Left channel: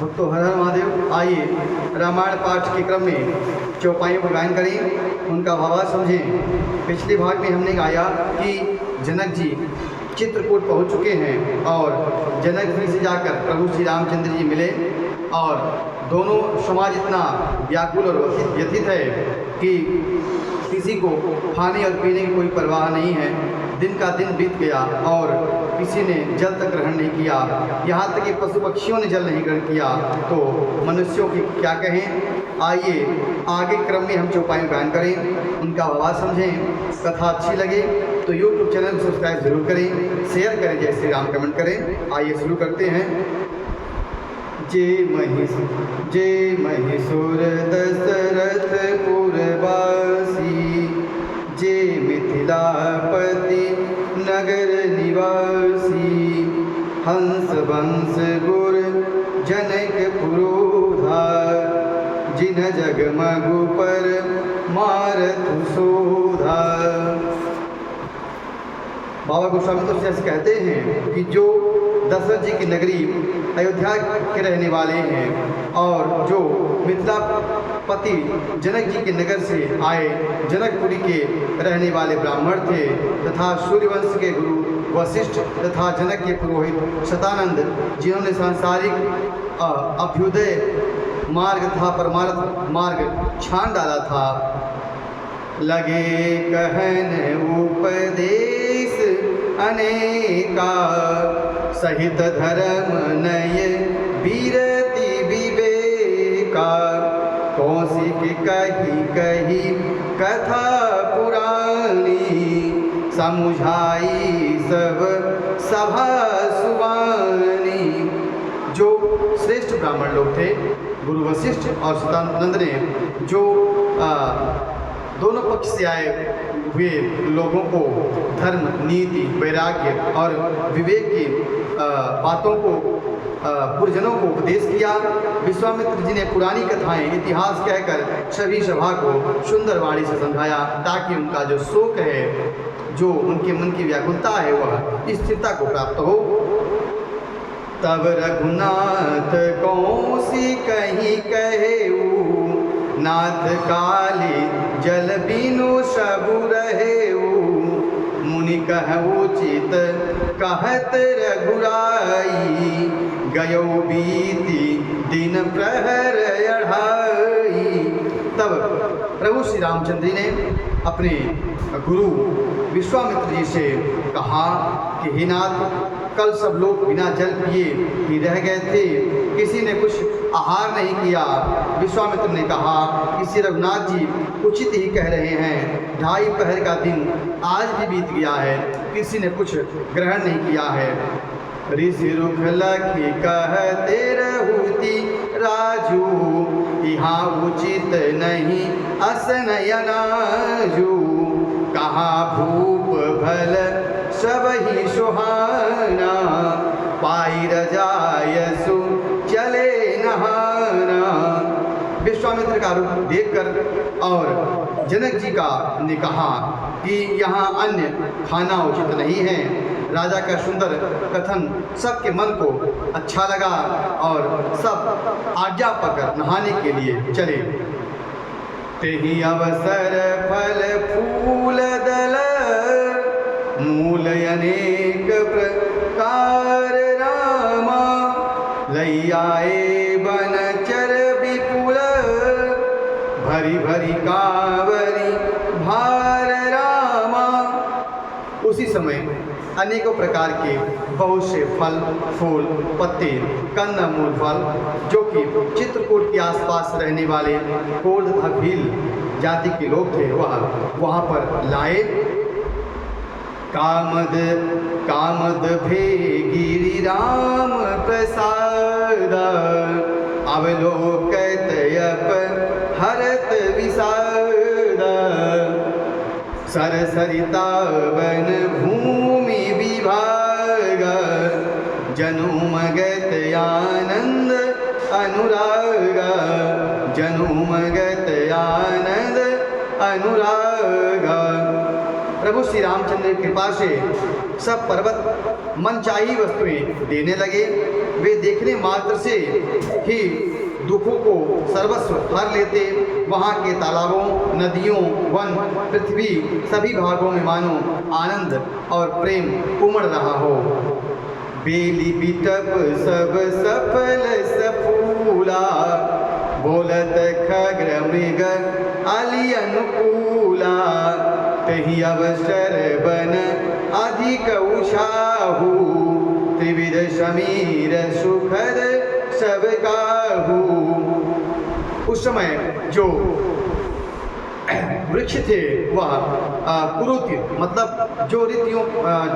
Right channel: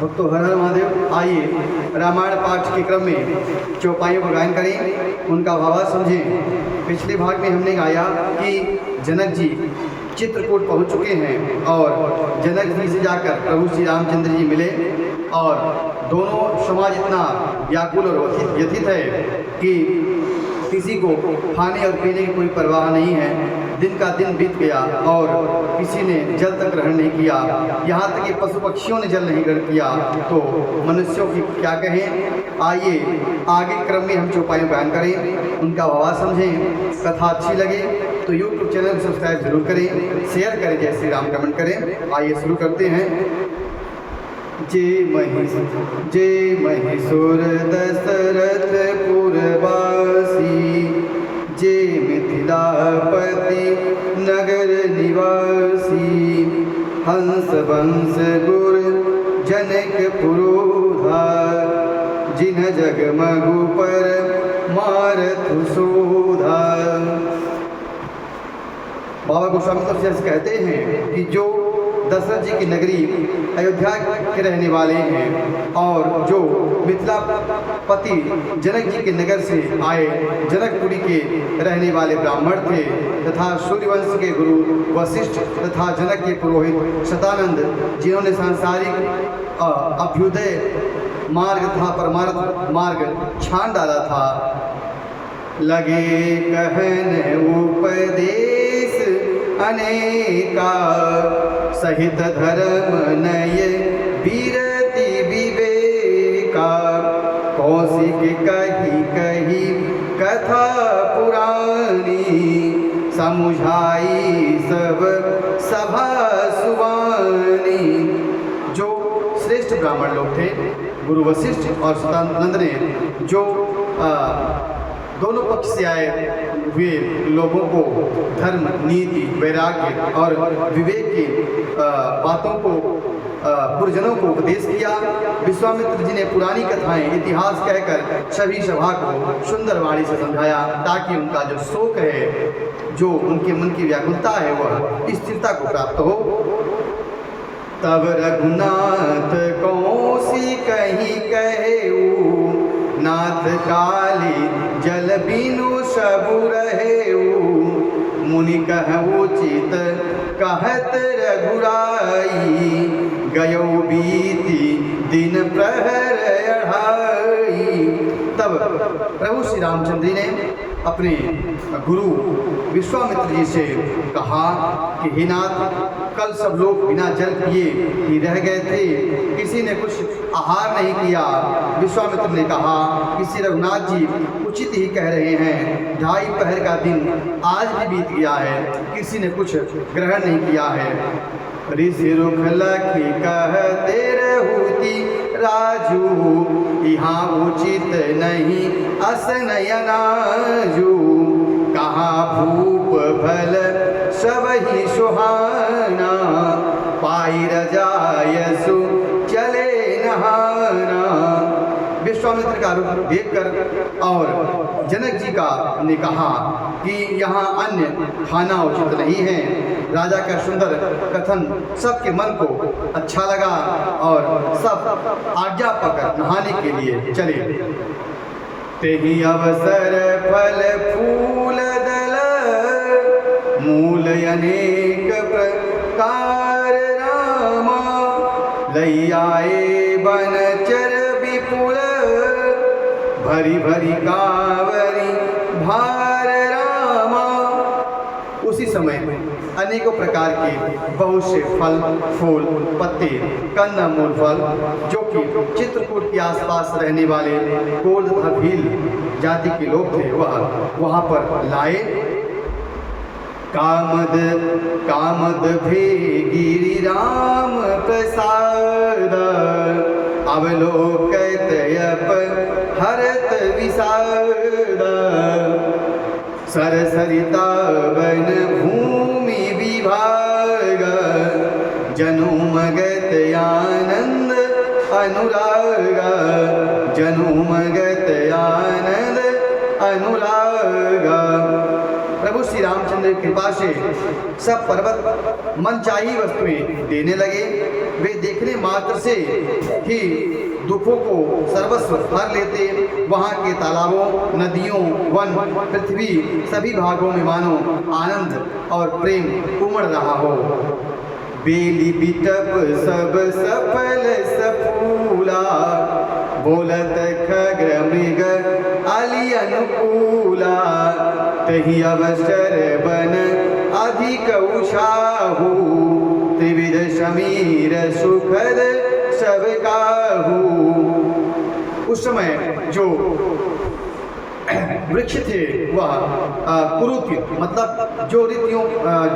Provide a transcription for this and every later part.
भक्तों हर हर महादेव। आइए रामायण पाठ के क्रम में चौपाइयों का गायन करें, उनका भावार्थ समझें। पिछले भाग में हमने गाया कि जनक जी चित्रकूट पहुंच चुके हैं और जनक जी से जाकर प्रभु श्री रामचंद्र जी मिले और दोनों समाज इतना व्याकुल और व्यथित है कि किसी को खाने और पीने की कोई परवाह नहीं है। दिन का दिन बीत गया और किसी ने जल तक ग्रहण नहीं किया, यहाँ तक कि पशु पक्षियों ने जल नहीं ग्रहण किया, तो मनुष्यों की क्या कहें। आइए आगे क्रम में हम चौपाइयों गायन करें, उनका भावार्थ समझें। कथा अच्छी लगे तो यूट्यूब चैनल को सब्सक्राइब जरूर करें, शेयर करें, जय श्री राम कमेंट करें। आइए शुरू करते हैं। जय महेश्वर दशरथ पुरवासी, जय मिथिलापति नगर निवासी, हंस वंश गुर जनक पुरोधार, जिन जगमगु पर मारथु शोधा। बाबा गोस्वामी तुलसीदास कहते हैं कि जो दशरथ जी की नगरी अयोध्या के रहने वाले हैं और जो मिथिलापति जनक जी के नगर से आए जनकपुरी के रहने वाले ब्राह्मण थे तथा सूर्यवंश के गुरु वशिष्ठ तथा जनक के पुरोहित शतानंद, जिन्होंने सांसारिक अभ्युदय मार्ग तथा परमार्थ मार्ग छान डाला था। लगे कहन उपदेश अनेका, सहित धर्म नय बीरति विवेका, कौशिक कही कही कथा पुरानी, समुझाई सब सभा सुवानी। जो श्रेष्ठ ब्राह्मण लोग थे गुरु वशिष्ठ और शतानंद ने, जो दोनों पक्ष से आए हुए लोगों को धर्म, नीति, वैराग्य और विवेक की बातों को गुरुजनों को उपदेश किया। विश्वामित्र जी ने पुरानी कथाएं, इतिहास कहकर सभी सभा को सुंदर वाणी से समझाया ताकि उनका जो शोक है, जो उनके मन की व्याकुलता है, वह स्थिरता को प्राप्त हो। तब रघुनाथ कौसी कहीं कहेऊ, नाथ काली जल बिनु सबु रहेऊ, मुनि कहु चित कहत रघुराई, गयो बीती दिन प्रहर अढ़ाई। तब प्रभु श्री रामचंद्र जी ने अपने गुरु विश्वामित्र जी से कहा कि हे नाथ, कल सब लोग बिना जल पिए ही रह गए थे, किसी ने कुछ आहार नहीं किया। विश्वामित्र ने कहा कि श्री रघुनाथ जी उचित ही कह रहे हैं, 2:30 पहर का दिन आज भी बीत गया है, किसी ने कुछ ग्रहण नहीं किया है। ऋषि रुख लखी कहते रहूति राजू, यहाँ उचित नहीं असनयनाजू, कहाँ भूप भल सब ही सुहाना, पाई रजायसु चले नहाना। विश्वामित्र का रूप देखकर और जनक जी का ने कहा कि यहाँ अन्य खाना उचित नहीं है। राजा का सुंदर कथन सबके मन को अच्छा लगा और सब आज्ञा पाकर नहाने के लिए चले। तेहि अवसर फल फूल दल, मूल अनेक प्रकार रामा, लई आए बन चर विपुल, भरी भरी कावरी भार रामा। उसी समय अनेकों प्रकार के बहुत से फल, फूल, पत्ते, कंद मूल फल, जो कि चित्रकूट के आसपास रहने वाले कोल तथा भील जाति के लोग थे, वह वहाँ पर लाए। कामद भे गिरि राम प्रसाद, अवलोकत अप हरत विषाद, सरसरिता वन भूमि विभाग, जनुमगत आनंद अनुराग, जनुमगत आनंद अनुराग। प्रभु श्री रामचंद्र की कृपा से सब पर्वत मनचाही वस्तुएं देने लगे। वे देखने मात्र से ही दुखों को सर्वस्व हर लेते। वहाँ के तालाबों, नदियों, वन, पृथ्वी सभी भागों में मानो आनंद और प्रेम उमड़ रहा हो। बेली बिटप सब सफल सफूला, बोलत खग्र मृग अली अनुकूला, तही अवसर बन अधिक उषाहु, त्रिविध समीर सुखद सब काहू। उस समय जो वृक्ष थे वह कुरुति मतलब जो ऋतुओं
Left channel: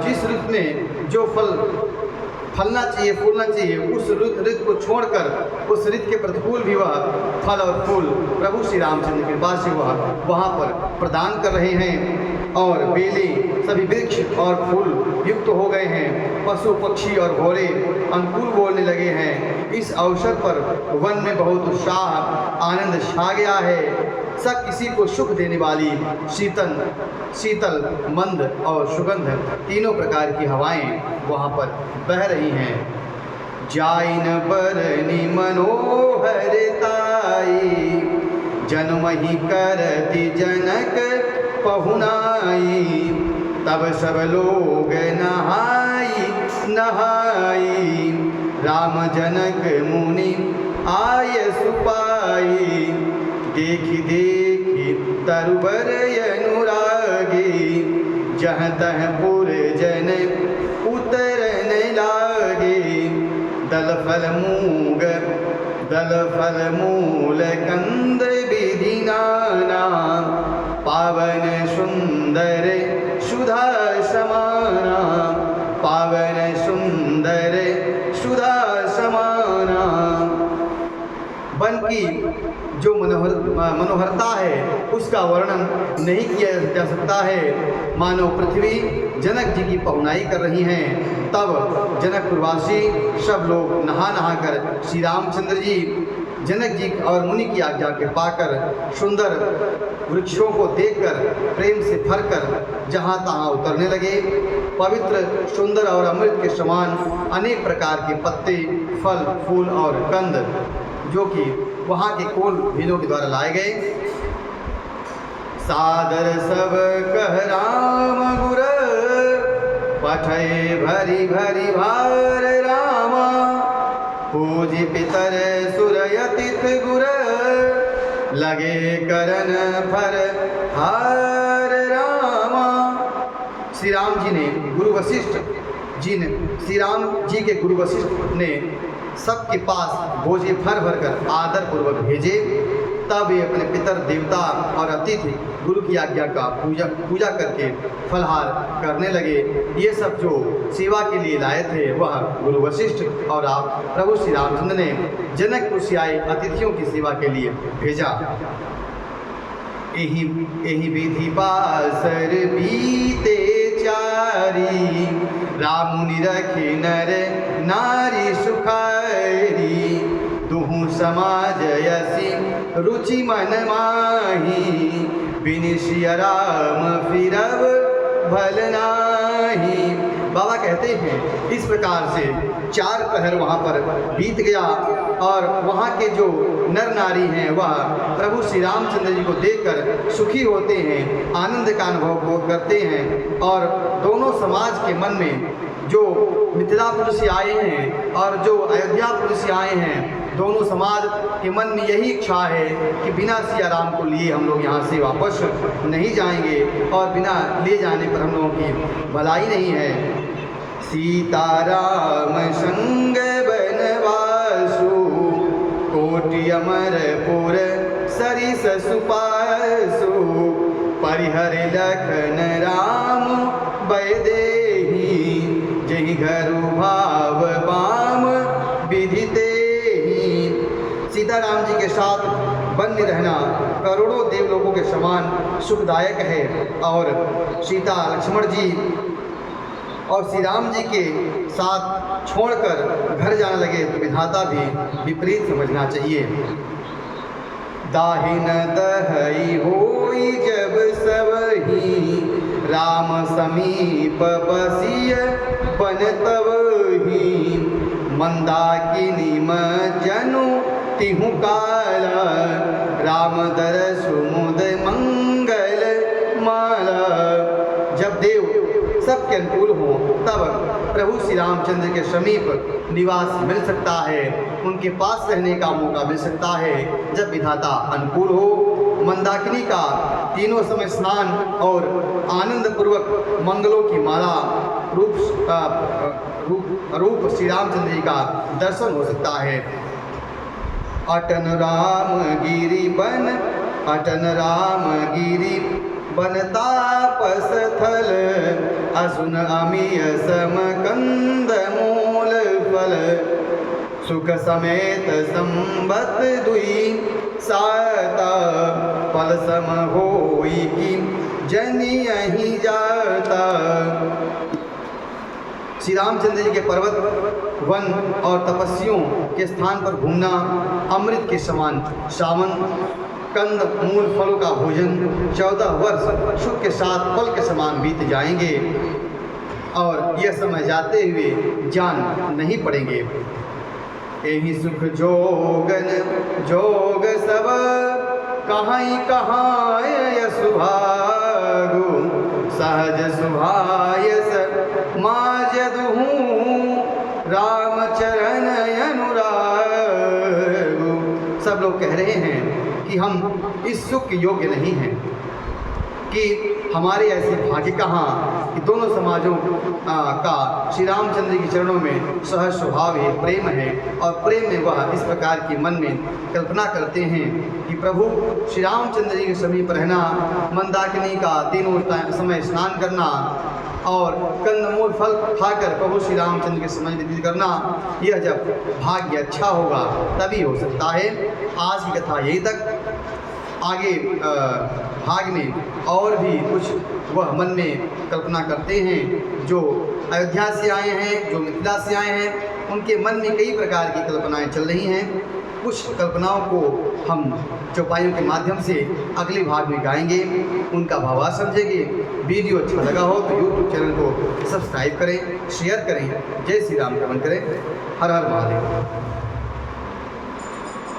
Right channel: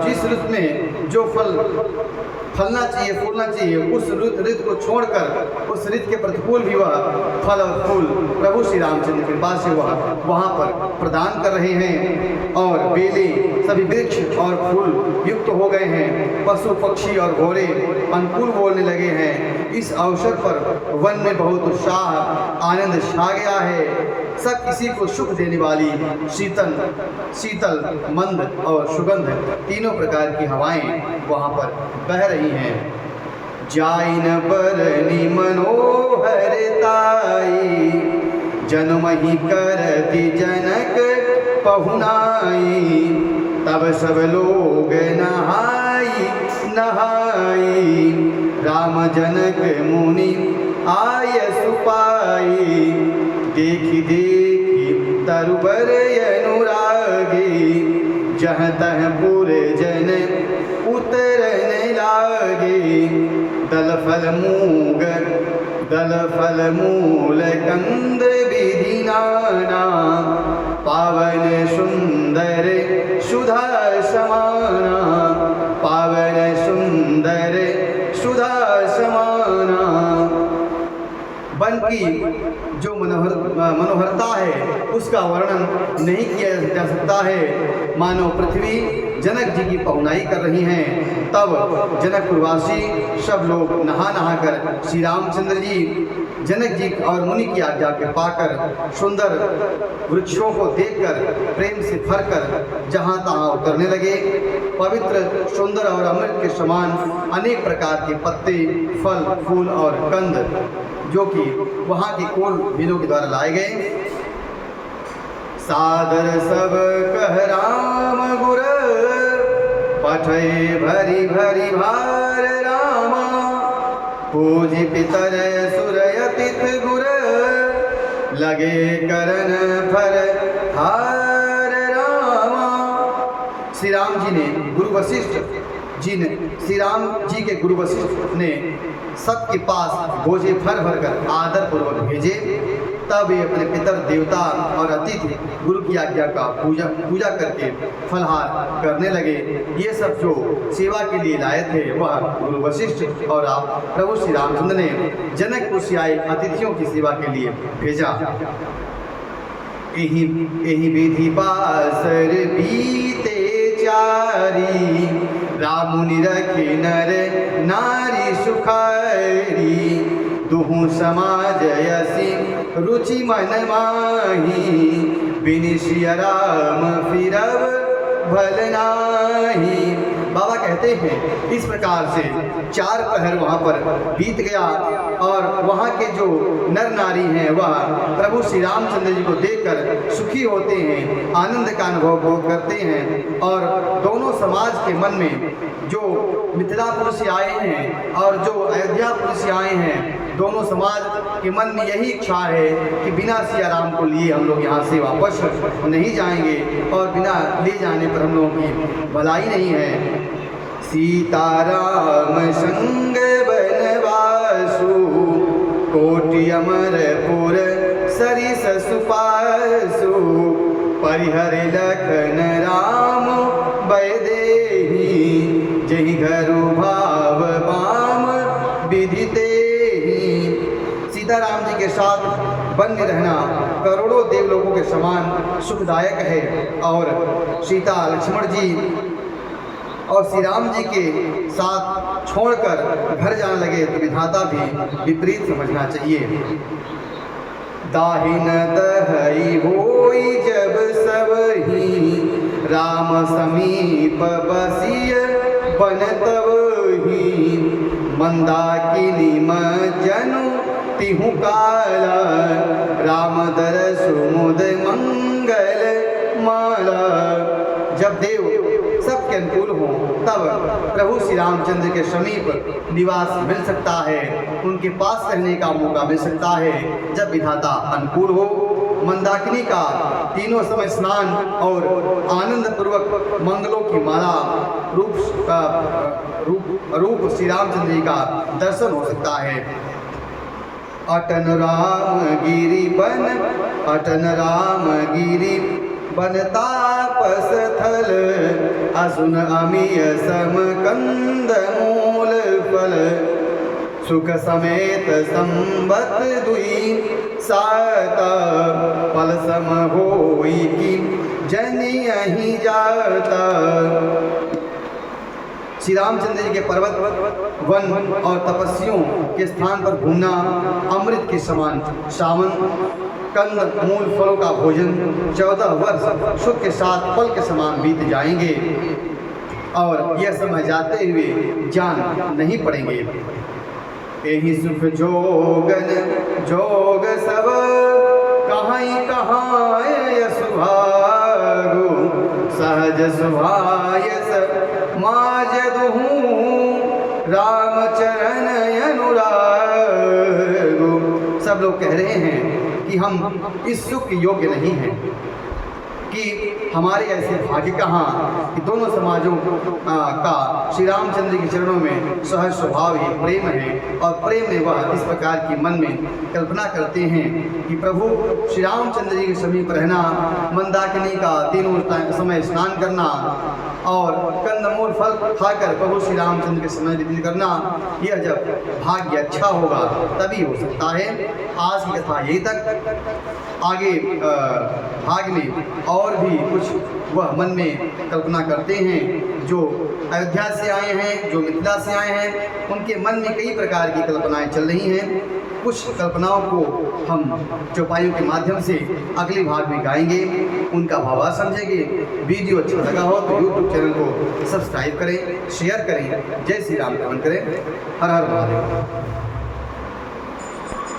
जिस ऋतु में जो फलना चाहिए, फूलना चाहिए, उस ऋतु को छोड़कर उस ऋतु के प्रतिकूल भी वह फल और फूल प्रभु श्री रामचंद्र की कृपा से वह वहाँ पर प्रदान कर रहे हैं। और बेले सभी वृक्ष और फूल युक्त हो गए हैं, पशु पक्षी और घोड़े अनुकूल बोलने लगे हैं। इस अवसर पर वन में बहुत उत्साह आनंद छा गया है। सब किसी को सुख देने वाली शीतल मंद और सुगंध तीनों प्रकार की हवाएं वहाँ पर बह रही हैं। जाइन बरनी मनोहरताई, जन्महि करति जनक पहुनाई, तब सब लोग नहाई नहाई, राम जनक मुनि आय सुपाई, देखी देखी तरुबर अनुरागी, जहाँ तह पुर जन उतरन लागे, दल फल मूल कंद विधि नाना, पावन सुंदर सुधा समाना, पावन सुंदर सुधा समाना। वन की जो मनोहरता है उसका वर्णन नहीं किया जा सकता है। मानो पृथ्वी जनक जी की पहुनाई कर रही हैं। तब जनकपुरवासी सब लोग नहा नहा कर श्री रामचंद्र जी जनक जी और मुनि की आज्ञा के पाकर सुंदर वृक्षों को देखकर प्रेम से भरकर जहाँ तहाँ उतरने लगे। पवित्र सुंदर और अमृत के समान अनेक प्रकार के पत्ते, फल, फूल और कंद जो कि वहाँ के कोल भीलों के द्वारा लाए गए। सादर सब कह राम गुर, पठय भरी भरी भार रामा, पूज पितर सुरयतिथ गुर, लगे करन फर हार रामा। श्री राम जी ने गुरु वशिष्ठ जी ने श्री राम जी के गुरु वशिष्ठ ने सबके पास बोझे भर भर कर आदर पूर्वक भेजे। तब वे अपने पितर देवता और अतिथि गुरु की आज्ञा का पूजा करके फलहार करने लगे। ये सब जो सेवा के लिए लाए थे वह गुरु वशिष्ठ और आप प्रभु श्री रामचंद्र ने जनकपुर से आए अतिथियों की सेवा के लिए भेजा। यही विधि पासर बीते चारी, राम निरखे नर नारी सुखारी, दुहु समाज यसी रुचि मन माही, बिनिशिय राम फिरब भल नाही। बाबा कहते हैं इस प्रकार से 4 पहर वहाँ पर बीत गया और वहाँ के जो नर नारी हैं वह प्रभु श्री रामचंद्र जी को देखकर सुखी होते हैं, आनंद का अनुभव करते हैं। और दोनों समाज के मन में जो मिथिलापुर से आए हैं और जो अयोध्यापुर से आए हैं, दोनों समाज के मन में यही इच्छा है कि बिना सिया राम को लिए हम लोग यहाँ से वापस नहीं जाएंगे और बिना ले जाने पर हम लोगों की भलाई नहीं है। सीताराम संग बनवासु, कोटि अमरपुर सरिस सुपासु, परिहर लखन राम बैदेही, जहि घरु भाव बाम विदिते। सीताराम जी के साथ बन्य रहना करोड़ों देवलोगों के समान सुखदायक है। और सीता लक्ष्मण जी और श्री राम जी के साथ छोड़कर घर जाने लगे तो विधाता भी विपरीत समझना चाहिए। दाहिन दहई होई जब सबही, राम समीप बसिय बन तबही, मंदाकिनी जनु तिहु काला, राम दरसु मुद मंगल माला। जब देव सबके अनुकूल हों तब प्रभु श्री रामचंद्र के समीप निवास मिल सकता है, उनके पास रहने का मौका मिल सकता है जब विधाता अनुकूल हो। मंदाकिनी का तीनों समय स्नान और आनंद पूर्वक मंगलों की माला रूप श्री रामचंद्र जी का दर्शन हो सकता है। अटन राम गिरि बन, अटन राम गिरि बन तापस थल, असुन अमीय सम कंद मूल फल, सुख समेत संबत दुई साता, फल सम होई की जनि यही जाता। श्री रामचंद्र जी के पर्वत वन और तपस्वियों के स्थान पर घूमना अमृत के समान, सावन कंद मूल फलों का भोजन 14 वर्ष सुख के साथ फल के समान बीत जाएंगे और यह समय जाते हुए जान नहीं पड़ेंगे। यही सुख जोगन जोग सब कहाँ सुभागु, सहज सुभायस माजदहु, राम चरण अनुरागु। सब लोग कह रहे हैं कि हम इस सुख के योग्य नहीं हैं, कि हमारे ऐसे भाग्य कहाँ कि दोनों समाजों का श्री रामचंद्र के चरणों में सहज स्वभाव ही प्रेम है, और प्रेम में वह इस प्रकार की मन में कल्पना करते हैं कि प्रभु श्री रामचंद्र जी के समीप रहना, मंदाकिनी का तीनों समय स्नान करना और कंदमूल फल खाकर प्रभु श्री रामचंद्र के समय व्यतीत करना, यह जब भाग्य अच्छा होगा तभी हो सकता है। आज की कथा यही तक। आगे भाग में और भी कुछ वह मन में कल्पना करते हैं जो अयोध्या से आए हैं, जो मिथिला से आए हैं, उनके मन में कई प्रकार की कल्पनाएं चल रही हैं। कुछ कल्पनाओं को हम चौपाइयों के माध्यम से अगले भाग में गाएंगे, उनका भावार्थ समझेंगे। वीडियो अच्छा लगा हो तो यूट्यूब चैनल को सब्सक्राइब करें, शेयर करें, जय श्री राम कमेंट करें। हर हर महादेव।